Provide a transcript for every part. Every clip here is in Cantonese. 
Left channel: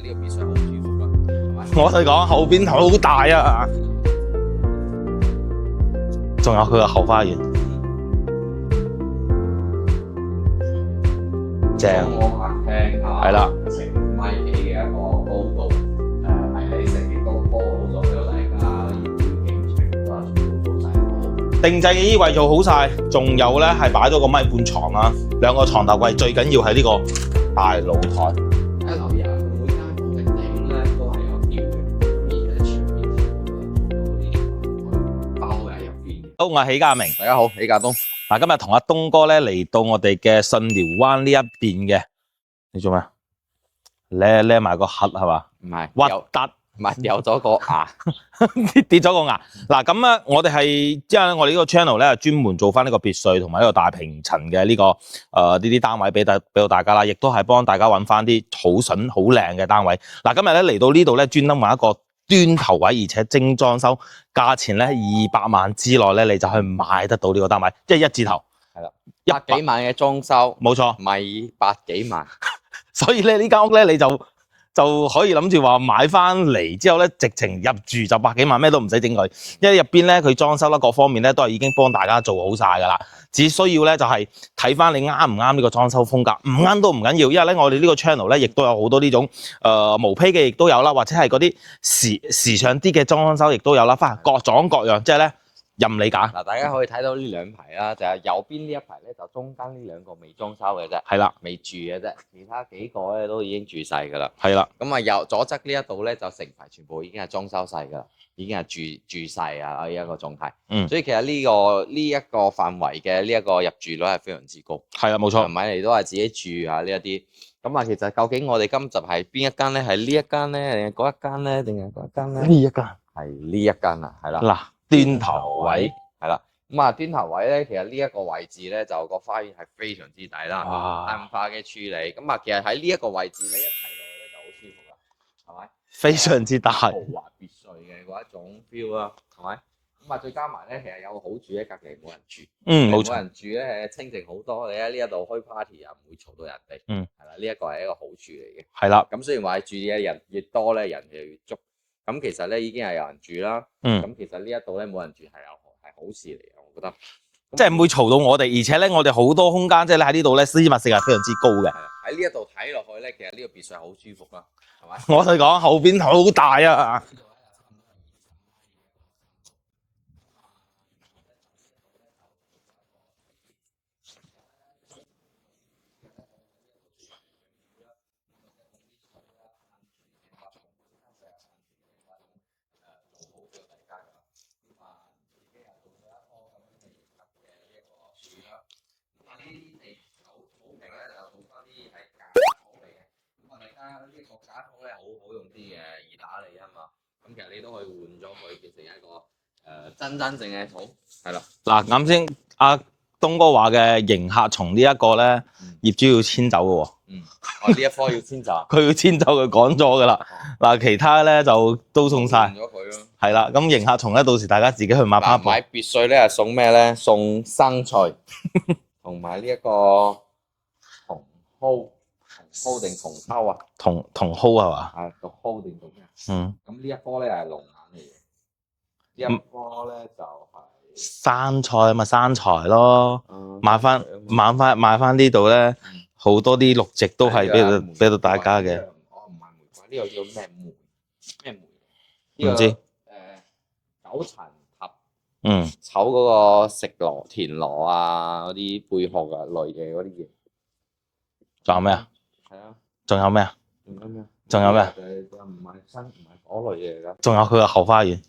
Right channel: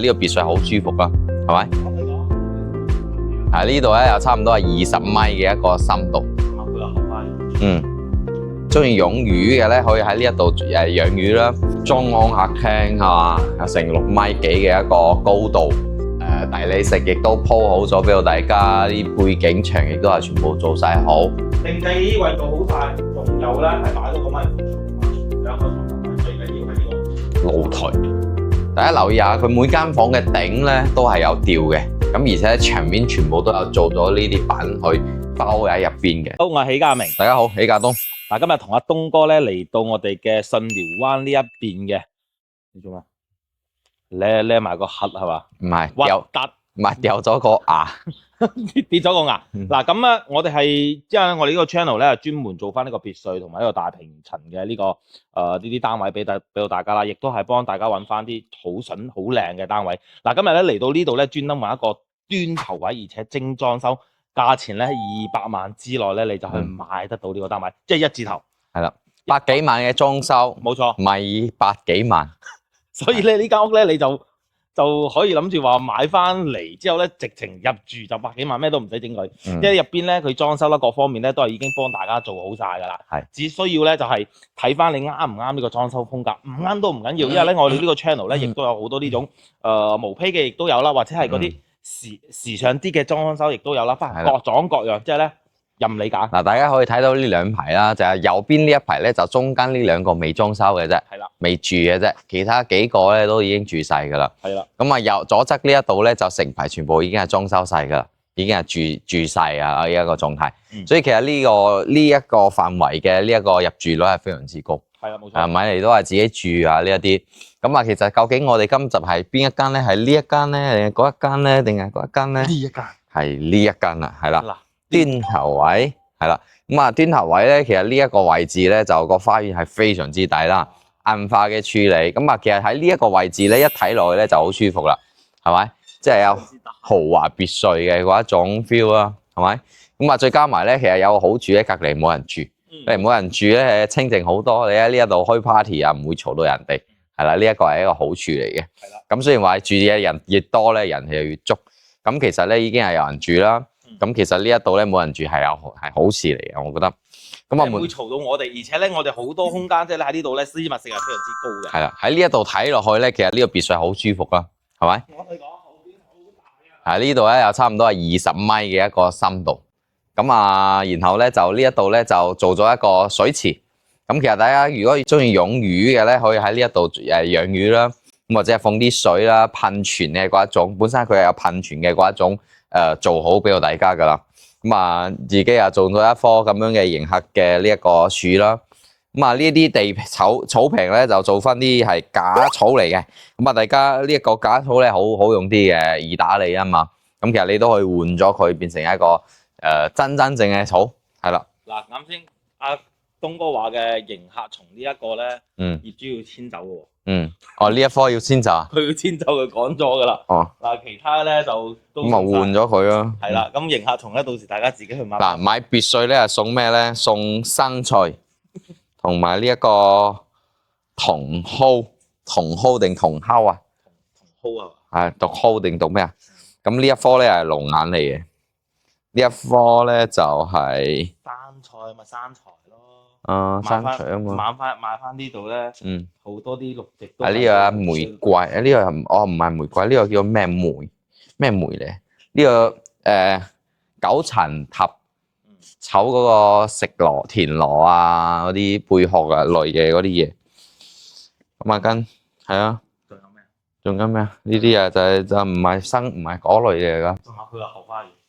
呢個別墅好舒服啦，係咪？我同你講，後邊好大啊！呢度咧有差唔多係20米嘅一個深度，仲有佢個後花園。中意養魚嘅咧，可以喺呢一度養魚啦。中安客廳係啦，成6米幾嘅一個高度，大理石亦都鋪好咗俾到大家，啲背景牆亦都係全部做晒好。定制嘅衣櫃做好晒，仲有咧係擺咗個米半床啦，2個床頭櫃，最緊要係呢個大露台。大家留意下，佢每間房嘅頂咧都係有吊嘅，咁而且牆面全部都有做咗呢啲板去包喺入邊嘅。好，我係喜家明，大家好，喜家東。嗱，今日同阿東哥咧嚟到我哋嘅信寮灣呢一邊嘅，你做咩？孭埋個盒係嘛？唔係，掉咗個牙，跌咗個牙。嗱咁咧，我哋係之後咧，我哋呢個 channel 咧專門做翻呢個別墅同埋呢個大平層嘅呢個呢啲單位俾到大家啦，亦都係幫大家揾翻啲好筍好靚嘅單位。嗱，今日咧嚟到呢度咧，專登揾一個端頭位，而且精裝修，價錢咧200萬之內咧，你就去買得到呢個單位，即係1字頭。係啦，100幾萬嘅裝修，冇錯，唔係100幾萬。所以咧呢間屋咧，你就可以諗住話買翻嚟之後咧，直情入住就100幾萬，咩都唔使整佢，因為入邊咧佢裝修啦各方面咧都係已經幫大家做好晒㗎啦。係，只需要咧就係睇翻你啱唔啱呢個裝修風格，唔啱都唔緊要，因為咧我哋呢個 channel 咧亦都有好多呢種毛坯嘅亦都有啦，或者係嗰啲時尚啲嘅裝修亦都有啦，翻各種各樣，即係咧任你揀。嗱，大家可以睇到呢2排啦，就係右邊呢一排咧，就中間呢2個未裝修嘅啫，係啦，未住嘅啫，其他幾個咧都已經住晒㗎啦。係啦，咁啊右左側呢一度咧就成排全部已經係裝修晒㗎啦，已經係住晒啊呢一個狀態。所以其實呢一個範圍嘅呢一個入住率係非常之高。係啊，冇錯。買嚟都係自己住啊呢一啲。咁啊，其實究竟我哋今集係邊一間咧？係呢一間咧，定係嗰一間咧，定係嗰一間咧？呢一間係呢一間啊，係啦。嗱。端頭位係啦，咁啊端頭位咧，其實呢一個位置咧就個花園係非常之大啦，硬化嘅處理，咁啊其實喺呢一個位置咧一睇落去咧就好舒服啦，係咪？非常之大，豪華別墅嘅嗰一種 feel 啦，係咪？咁啊再加埋咧，其實有個好處咧，隔離冇人住，冇人住咧清靜好多，你喺呢一度開 party 啊，唔會嘈到人哋，係啦，呢一個係一個好處嚟嘅，係啦。咁雖然話住嘅人越多咧，人氣就越足。咁其實咧已經係有人住啦，咁其實呢一度咧冇人住係好事嚟嘅，我覺得。即係唔會嘈到我哋，而且咧我哋好多空間，即係咧喺呢度咧私密性係非常之高嘅。係啦，喺呢一度睇落去咧，其實呢個別墅好舒服啦，係咪？我同你講，後邊好大啊！呢度咧有差唔多係20米嘅一個深度，咁啊，然後咧就呢一度咧就做咗一個水池。咁其實大家如果中意養魚嘅咧，可以喺呢一度養魚啦。咁或者係放啲水啦，噴泉嘅嗰一種，本身佢係有噴泉嘅嗰一種，做好俾到大家噶啦。咁啊，自己又種咗一棵咁樣嘅迎客嘅呢一個樹啦。咁啊，呢啲地草坪咧就做翻啲係假草嚟嘅。咁啊，大家呢一個假草咧好用啲嘅，易打理啊嘛。咁其實你都可以換咗佢變成一個真正嘅草，係啦。嗱，啱先阿東哥話嘅迎客松呢一個咧，業主要遷走嘅喎。呢一棵要遷走，佢要遷走，佢趕咗噶啦。嗱，其他咧就都送晒，換咗佢咯。係啦，咁迎客松咧，到時大家自己去買翻。買別墅咧係送咩咧？送生菜同埋呢一個茼蒿定茼蒿啊？茼蒿係嘛？係讀蒿定讀咩啊？咁呢一棵咧係龍眼嚟嘅。呢一棵咧就係生菜咪生財咯，買翻呢度咧，好多啲綠植都係玫瑰，呢個唔係玫瑰，呢個叫咩梅咧？呢個九層塔，炒嗰個食螺、田螺啊，嗰啲貝殼啊類嘅嗰啲嘢。仲有咩？係啊，仲有咩啊？仲有咩啊？呢啲啊就唔係唔係嗰類嘢噶。仲有佢個後花園。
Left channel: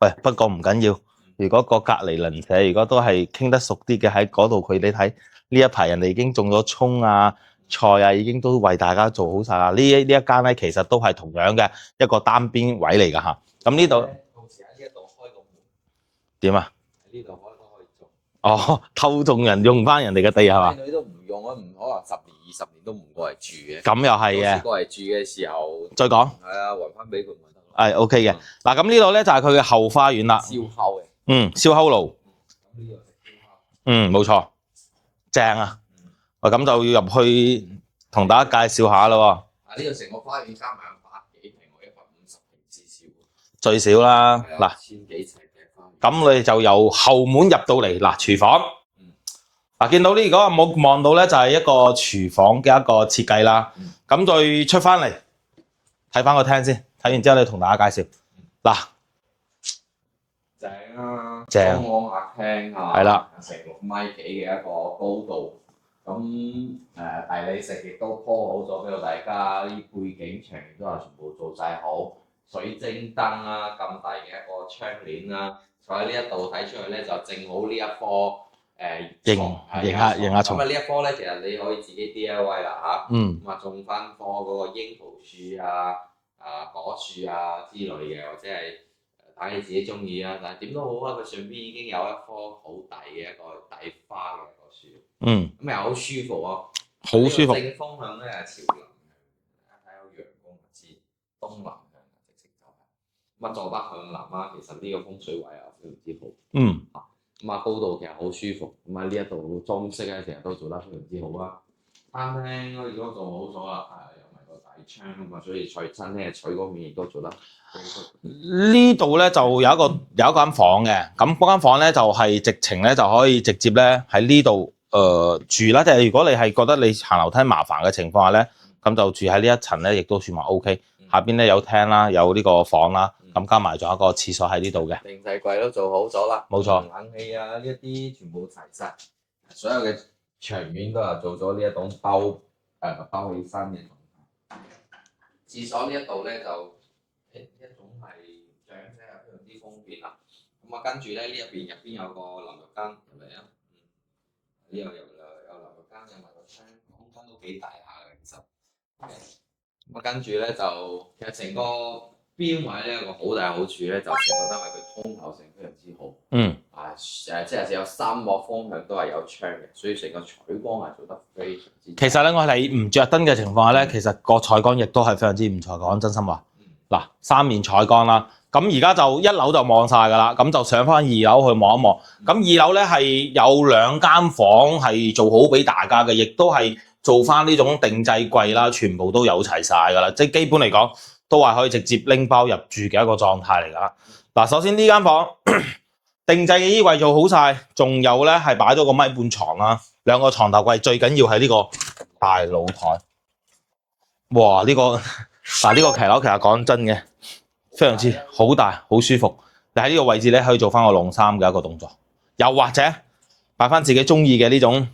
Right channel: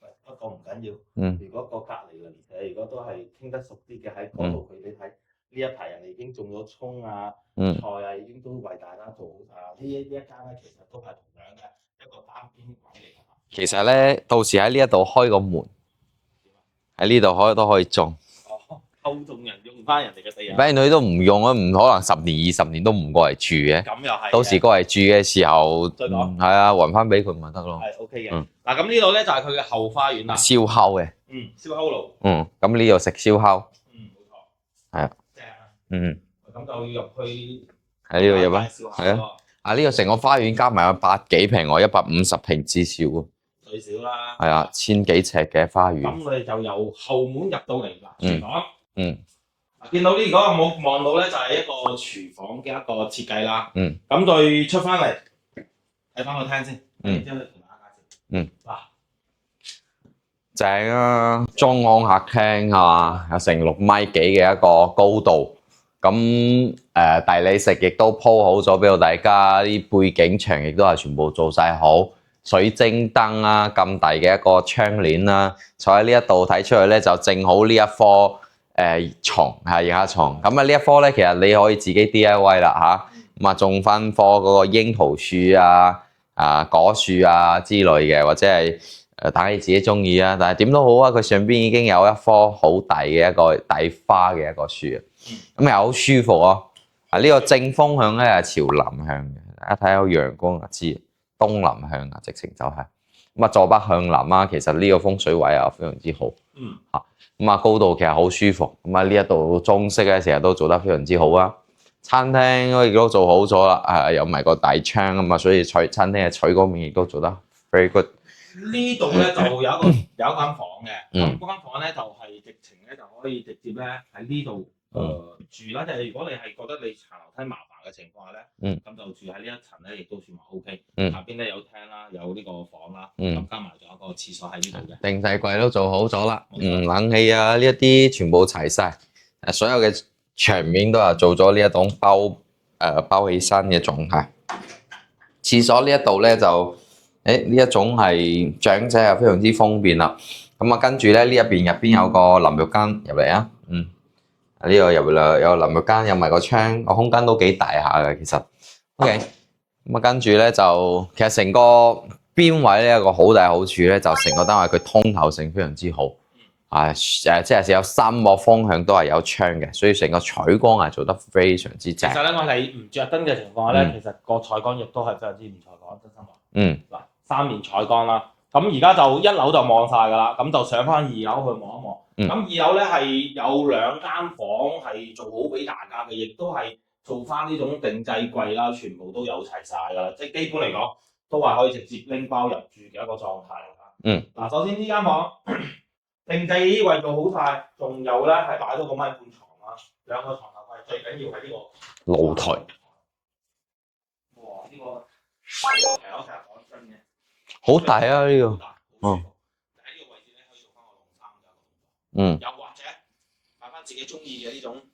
喂，不過唔緊要。如果個隔離鄰舍如果都係傾得熟啲嘅，喺嗰度佢你睇呢一排人哋已經種咗葱啊、菜啊，已經都為大家做好晒啦。呢一間咧其實都係同樣嘅一個單邊位嚟㗎嚇。咁呢度到時喺呢一度開個門點啊？喺呢度都可以種。偷種人用翻人哋嘅地係嘛？靚女都唔用啊，唔可能10年20年都唔過嚟住嘅。咁又係。到時過嚟住嘅時候再講。係啊，還翻俾佢咪得咯。係 OK 嘅。嗱咁呢度咧就係佢嘅後花園啦。燒烤嘅。燒烤爐。咁呢度食燒烤。冇錯。係啊。正啊。喂，咁就要入去同大家介紹下咯。呢個成個花園加埋有百幾平喎，150平至少喎。最少啦。係啊，千幾尺嘅花園。咁你就由後門入到嚟嗱，廚房。見到呢個冇望到咧，就係一個廚房嘅一個設計啦。咁再出翻嚟睇翻個廳先，睇完之後你同大家介紹。嗱，正啊，中安客廳啊，係啦，有成6米幾嘅一個高度。咁大理石亦都鋪好咗俾到大家，啲背景牆亦都係全部做晒好，水晶燈啊，咁大嘅一個窗簾啦，坐喺呢一度睇出去咧就正好呢一科床係迎客床。咁啊呢一科咧其實你可以自己 DIY 啦嚇，咁啊種翻棵嗰個櫻桃樹啊、果樹啊之類嘅，或者係打你自己中意啊。但係點都好啊，佢上邊已經有一棵好大嘅一個大花嘅一個樹。咁又好舒服啊！呢個正風向咧係朝南向嘅，大家睇下有陽光就知，東南向啊，直情就係咁啊，坐北向南啊，其實呢個風水位啊非常之好。咁啊高度其實好舒服，咁啊呢一度裝飾咧成日都做得非常之好啊。餐廳亦都做好咗啦，有埋個大窗啊嘛，所以餐廳嘅採光面亦都做得 very good。呢度咧就有一間房嘅，咁嗰間房咧就係直情咧就可以直接咧喺呢度住啦。即係如果你係覺得你行樓梯麻煩嘅情況下咧，咁就住喺呢一層咧，亦都算話 OK。下邊咧有廳啦，有呢個房啦，咁加埋仲有一個廁所喺呢度嘅。定製櫃都做好咗啦，冇錯，冷氣啊呢一啲全部齊晒，所有嘅牆面都係做咗呢一種包起身嘅狀態。廁所呢一度咧就呢一種係長者係非常之方便啦。咁啊跟住咧呢入邊有個淋浴間入嚟啊，呢個入嚟有淋浴間，有埋個窗，個空間都幾大下嘅其實。OK，咁啊跟住咧就其實成個邊位咧有個好大好處咧，就成個單位佢通透性非常之好。即係有3個方向都係有窗嘅，所以成個採光係做得非常之正。其實咧，我哋唔着燈嘅情況下咧，其實個採光亦都係非常之唔錯。講真心話，嗱3面採光啦，咁而家就1樓就望晒㗎啦，咁就上翻2樓去望一望。咁2樓咧係有2間房係做好俾大家嘅，亦都係做翻呢種定製櫃啦，全部都有齊晒㗎啦，即係基本嚟講都係可以直接拎包入住嘅一個狀態嚟㗎。嗱，首先呢間房定製嘅衣櫃做好晒，仲有咧係擺咗個米半床啦，2個床頭櫃，最緊要係呢個大露台。哇！呢個騎樓其實講真嘅，好大啊，好大，好舒服。你喺呢個位置咧可以做翻個晾衫嘅一個動作。又或者擺翻自己中意嘅呢種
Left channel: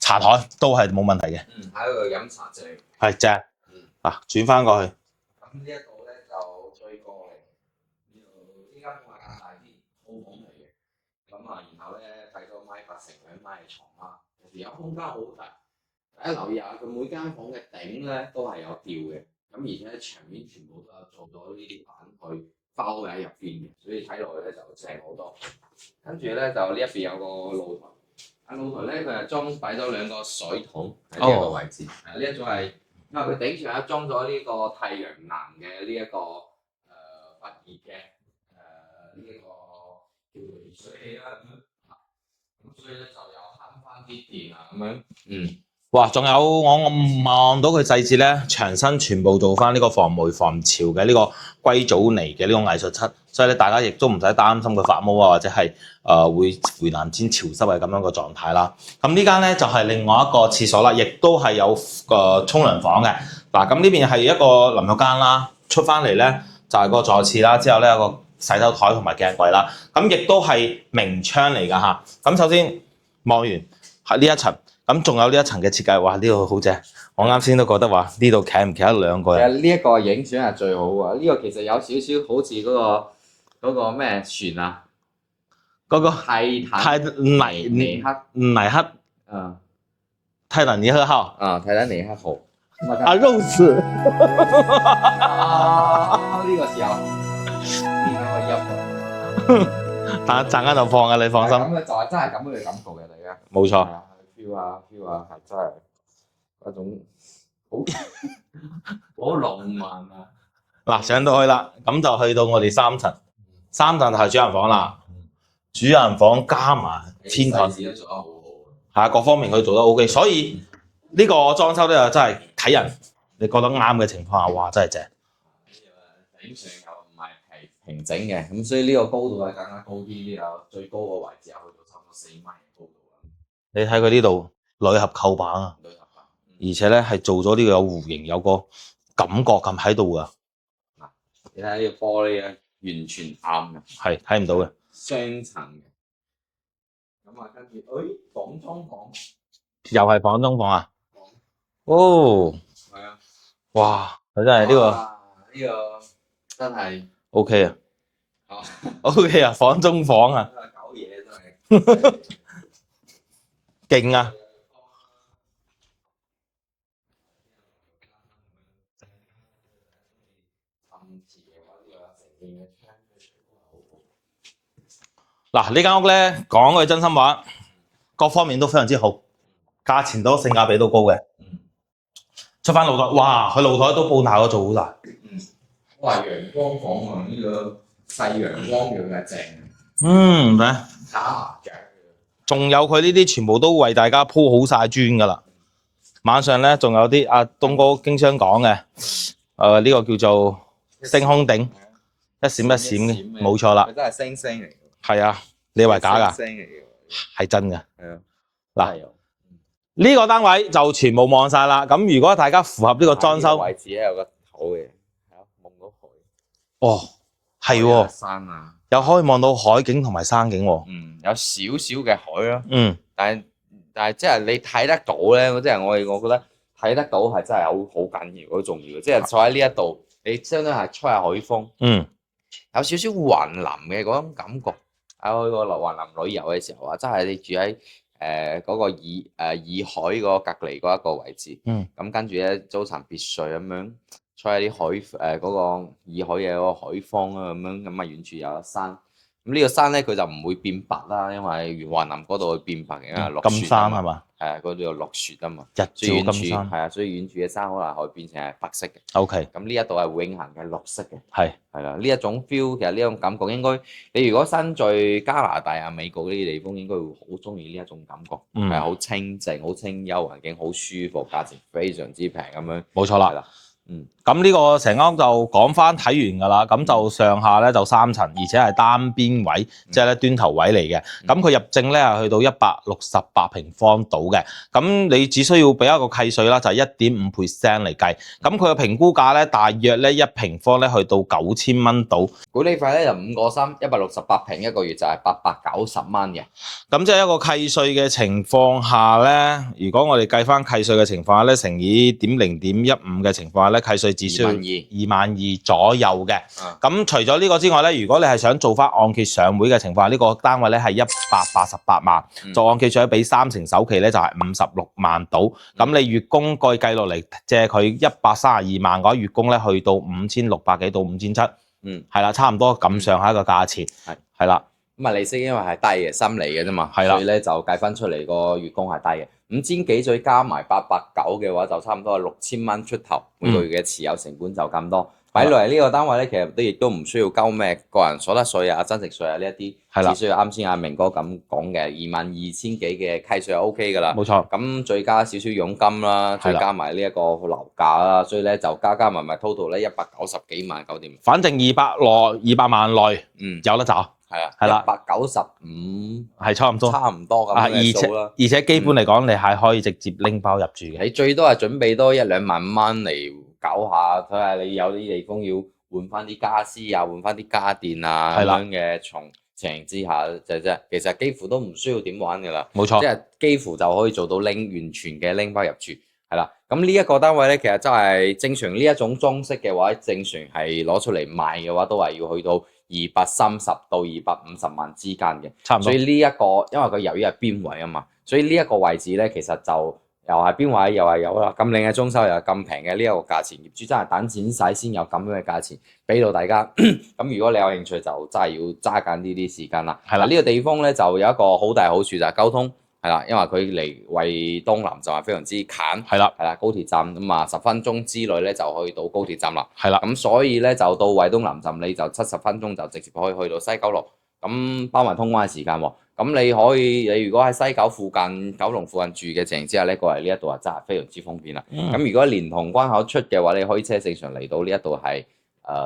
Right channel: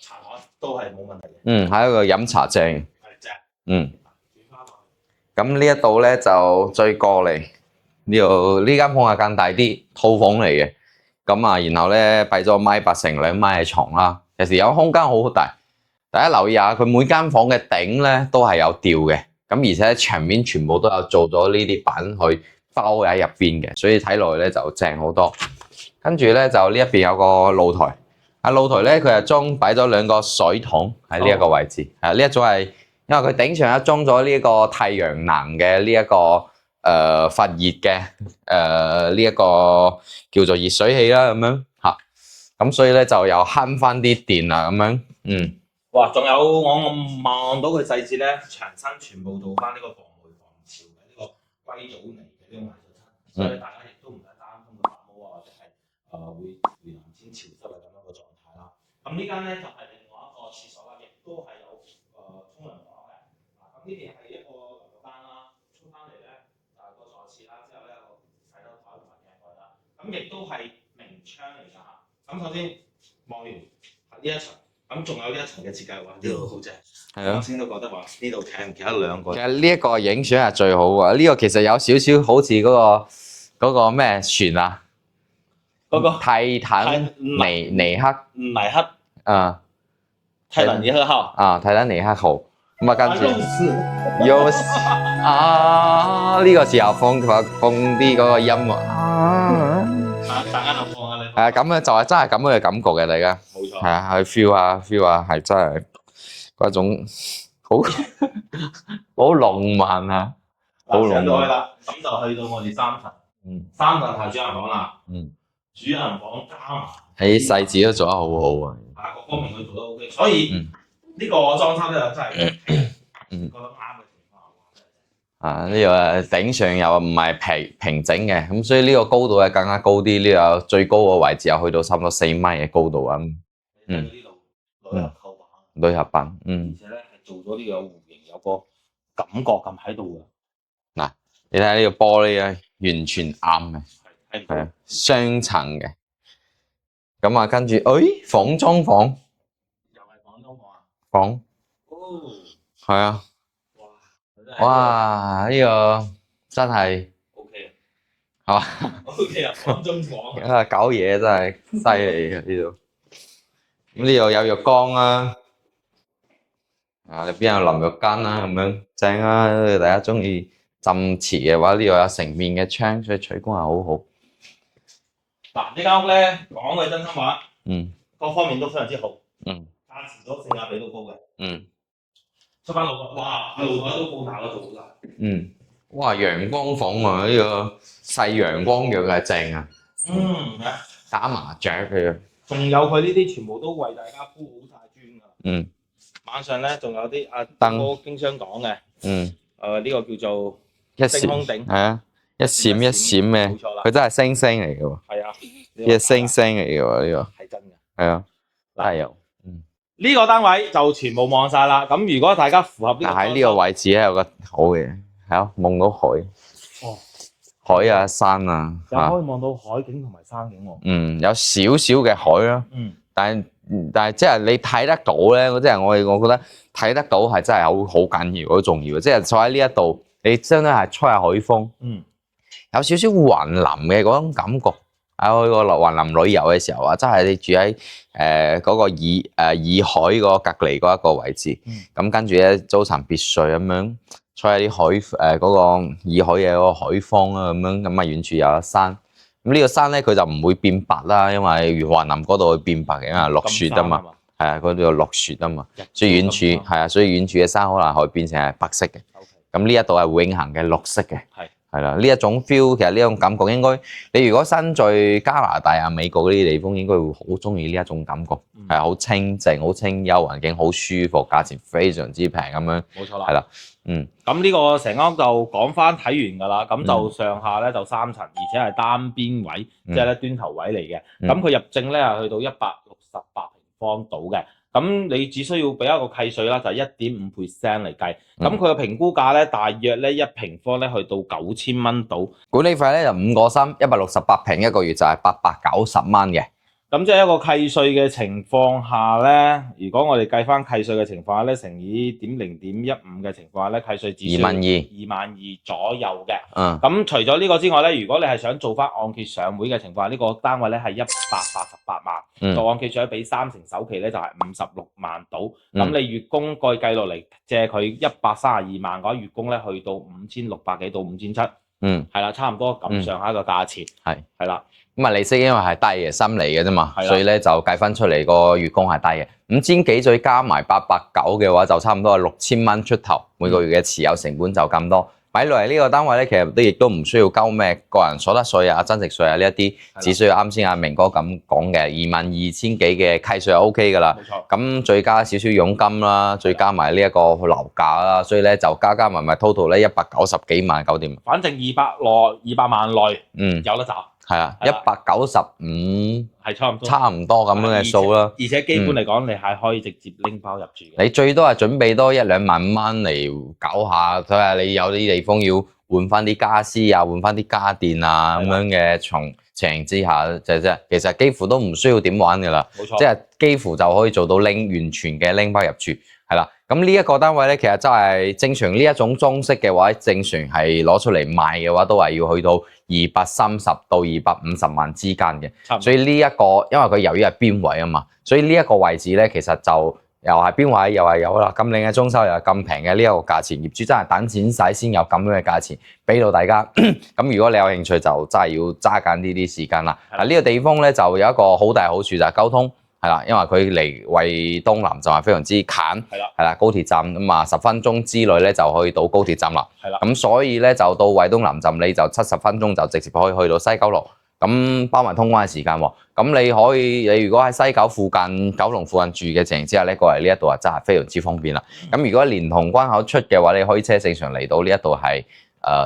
茶台都係冇問題嘅。係一個飲茶正。係正。嗱，轉翻過去。咁呢一度咧就追過嚟。呢間房係更大啲，套房嚟嘅。咁啊，然後咧擺咗1.8米乘2米嘅床啦，其實有空間好大。大家留意下，佢每間房嘅頂咧都係有吊嘅，咁而且牆面全部都有做咗呢啲板去包喺入邊嘅，所以睇落去咧就正好多。跟住咧就呢一邊有個露台，露台咧佢係擺咗2個水桶喺呢一個位置。呢一種係因為佢頂上有裝咗呢個太陽能嘅呢一個。發熱嘅呢一個叫做熱水器啦，咁樣嚇，咁所以咧就又慳翻啲電啦，咁樣。哇！仲有我望到佢細節咧，牆身全部做翻呢個防霉防潮嘅呢個硅藻泥嘅呢種藝術漆，所以咧大家亦都唔使擔心佢發毛啊，或者係會回南天潮濕嘅咁樣個狀態啦。咁呢間咧就係另外一個廁所啦，亦都係有個沖涼房嘅。嗱，咁呢邊係一個淋浴間啦，出翻嚟咧。就係個座廁啦，之後咧有個洗手台同埋鏡櫃啦，咁亦都係明窗嚟㗎嚇。咁首先望完喺呢一層，咁仲有呢一層嘅設計，哇！呢度好正，我啱先都覺得話呢度企唔企得2個人。其實呢一個影相係最好㗎，呢個其實有少少好似嗰個咩船啊，嗰個泰坦尼克啊，泰坦尼克號啊，泰坦尼克號。肉絲呢個時候放啲嗰個音樂陣間就放啊，你放心。咁樣就係真係咁樣嘅感覺嘅，大家冇錯。係啊，去 feel 下，係真係嗰種好浪漫啊！嗱，上到去啦，咁就去到我哋3層，3層就係主人房啦。主人房加埋喺細節都做得好好啊！係啊，各方面佢做得 OK，所以。呢個裝修咧真係睇人，你覺得啱嘅情況下，哇，真係正。啊！呢個頂上又唔係平整嘅，咁所以呢個高度咧更加高啲。呢個最高個位置又去到差唔多4米嘅高度啊！你睇佢呢度鋁合構板啊，鋁合板，而且咧係做咗呢個有弧形，有個感覺咁喺度噶。嗱，你睇呢個玻璃咧，完全啱嘅，係睇唔到嘅，雙層嘅。咁啊，跟住，房中房又係房中房啊？房，哦，係啊，哇！佢真係呢個真係 OK 啊，係嘛 ？OK 啊，房中房啊，搞嘢真係犀利嘅呢度，勁啊！呢度有浴缸啦，你邊有淋浴間啦咁樣正啊！大家中意浸池嘅話，呢度有成面嘅窗，所以採光係好好。嗱，呢間屋咧講句真心話，各方面都非常之好，價錢都性價比都高嘅，出翻露台，哇！佢露台都鋪大個做好大，哇！陽光房啊，呢個細陽光浴係正啊，咩？打麻雀嘅，仲有佢呢啲全部都為大家鋪好晒磚噶啦，晚上咧仲有啲阿東哥經常講嘅，呢個叫做星空頂，係啊，一閃一閃嘅，冇錯啦，佢真係星星嚟嘅喎，係啊，你話星星嚟嘅喎呢個，係真嘅，係啊，嗱有。呢個單位就全部望晒啦。咁如果大家符合呢個裝修，呢個位置咧有個好嘅，係啊，望到海。哦，海啊，係喎，山啊，又可以望到海景同埋山景喎。有少少嘅海咯。但係即係你睇得到咧，即係我覺得睇得到係真係好緊要，好重要嘅。即係坐喺呢一度，你真係吹下海風。有少少雲林嘅嗰種感覺。喺個雲林旅遊嘅時候啊，真係你住喺嗰個洱海嗰個隔離嗰一個位置，咁跟住咧租層別墅咁樣，吹下啲海嗰個洱海嘅嗰個海風啊咁樣，咁啊遠處有一山，咁呢個山咧佢就唔會變白啦，因為雲林嗰度會變白嘅，因為落雪啊嘛，係啊，嗰度落雪啊嘛，所以遠處係啊，所以遠處嘅山可能會變成係白色嘅。OK， 咁呢一度係永恆嘅綠色嘅。係啦，呢一種 feel 其實呢種感覺應該，你如果身在加拿大啊、美國嗰啲地方，應該會好中意呢一種感覺，係好清靜、好清幽，環境好舒服，價錢非常之平咁樣。冇錯啦，係啦。咁呢個成間屋就講翻睇完㗎啦，咁就上下咧就3層，而且係單邊位，即係咧端頭位嚟嘅。咁佢入證咧係去到168平方度嘅，咁你只需要俾一個契稅啦，就係1.5% 嚟計。咁佢嘅評估價咧大約咧1平方咧去到9000蚊度，管理費咧就5個3 168平，一個月就係890蚊嘅。咁即係一個契稅嘅情況下咧，如果我哋計翻契稅嘅情況下咧，乘以0.15嘅情況下咧，契稅只需要22000左右嘅。咁除咗呢個之外咧，如果你係想做翻按揭上會嘅情況下，呢個單位咧係188萬，做按揭想俾3成首期咧就係56萬到。咁你月供計落嚟借佢132萬嘅話，月供咧去到5600幾到5700，係啦，差唔多咁上下一個價錢，係啦。咁啊，利息因為係低嘅，心理嘅啫嘛，所以咧就計翻出嚟個月供係低嘅，5000幾再加埋889嘅話，就差唔多係6000蚊出頭，每個月嘅持有成本就咁多。擺落嚟呢個單位咧，其實亦都唔需要交咩個人所得稅啊、增值稅啊呢一啲，只需要啱先阿明哥咁講嘅22000幾嘅契稅就 O K 噶啦。冇錯。咁再加少少佣金啦，再加埋呢一個樓價啦，所以咧就加埋 total 咧190幾萬搞掂。反正200萬內，有得找。係啊，195係差唔多咁樣嘅數啦。而且基本嚟講，你係可以直接拎包入住嘅。你最多係準備多1-2萬蚊嚟搞下，睇下你有啲地方要換翻啲家私啊，換翻啲家電啊咁樣嘅情形之下，其實幾乎都唔需要點玩㗎啦。冇錯，即係幾乎就可以做到完全嘅拎包入住。係啦，咁呢一個單位咧，其實真係正常呢一種裝飾嘅話，正常係攞出嚟賣嘅話，都係要去到230到250萬之間嘅。差唔多。所以呢一個，因為佢由於係邊位啊嘛，所以呢一個位置咧，其實就又係邊位，又係有啦。咁靚嘅裝修又係咁平嘅呢一個價錢，業主真係等錢使先有咁樣嘅價錢俾到大家。咁如果你有興趣，就真係要揸緊呢啲時間啦。係啦，呢個地方咧就有一個好大好處就係交通。係啦，因為佢離惠東南站係非常之近，係啦，高鐵站咁啊，10分鐘之內咧就可以到高鐵站啦。係啦，咁所以咧就到惠東南站你就70分鐘就直接可以去到西九龍。咁包埋通關嘅時間喎。咁你如果喺西九附近、九龍附近住嘅情形之下咧，過嚟呢一度啊真係非常之方便啦。咁如果連同關口出嘅話，你開車正常嚟到呢一度係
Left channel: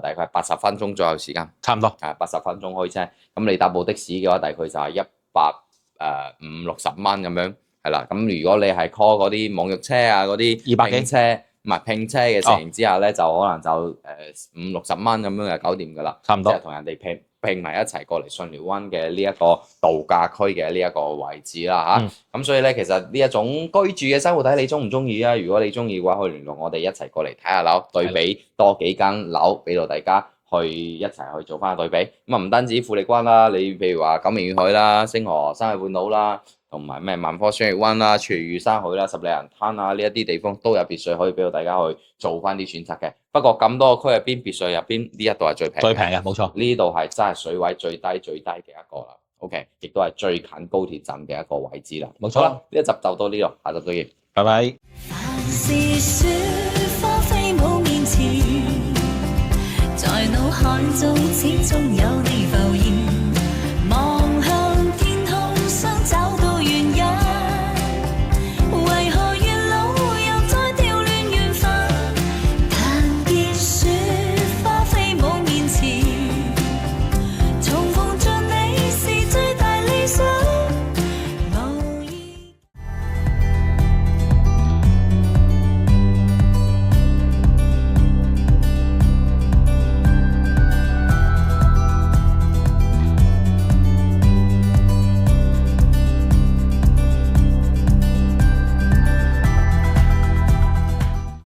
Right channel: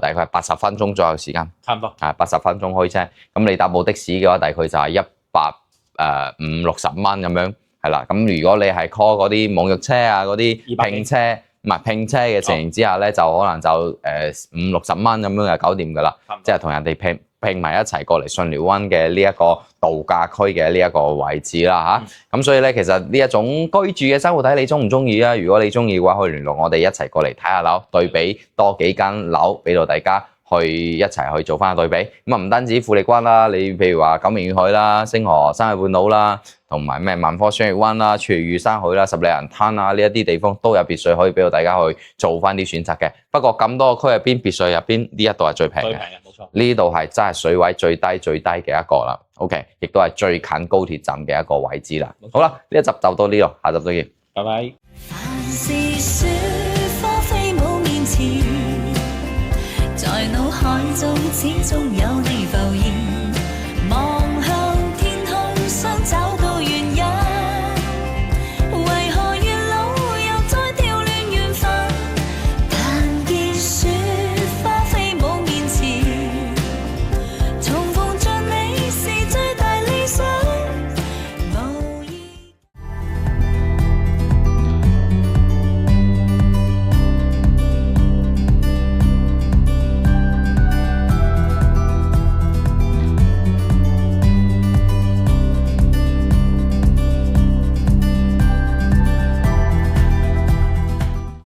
大概80分鐘左右時間，差唔多80分鐘開車。咁你搭部的士嘅話，大概就係150-160蚊咁樣，係啦。咁如果你係 call 嗰啲網約車啊，嗰啲拼車，唔係拼車嘅情形之下咧，就可能就50-60蚊咁樣就搞掂㗎啦。差唔多，即係同人哋拼埋一齊過嚟巽寮灣嘅呢一個度假區嘅呢一個位置啦嚇。咁所以咧，其實呢一種居住嘅生活睇你中唔中意啊？如果你中意嘅話，可以聯絡我哋一齊過嚟睇下樓，對比多幾間樓俾到大家去一齊去做翻個對比。咁啊唔單止富力灣啦，你譬如話九明宇海啦、星河山海半島啦，同埋咩萬科雙月灣啦、廚餘山海啦、十里洋灘啊呢一啲地方都有別墅可以俾到大家去做翻啲選擇嘅。不過咁多個區入邊，別墅入邊呢一度係最平嘅，冇錯。呢度係真係水位最低嘅一個啦。OK， 亦都係最近高鐵站嘅一個位置啦。冇錯啦，呢一集就到呢度，下集再見，拜拜。凡事說花飛舞面前，在腦海中始終有你浮現。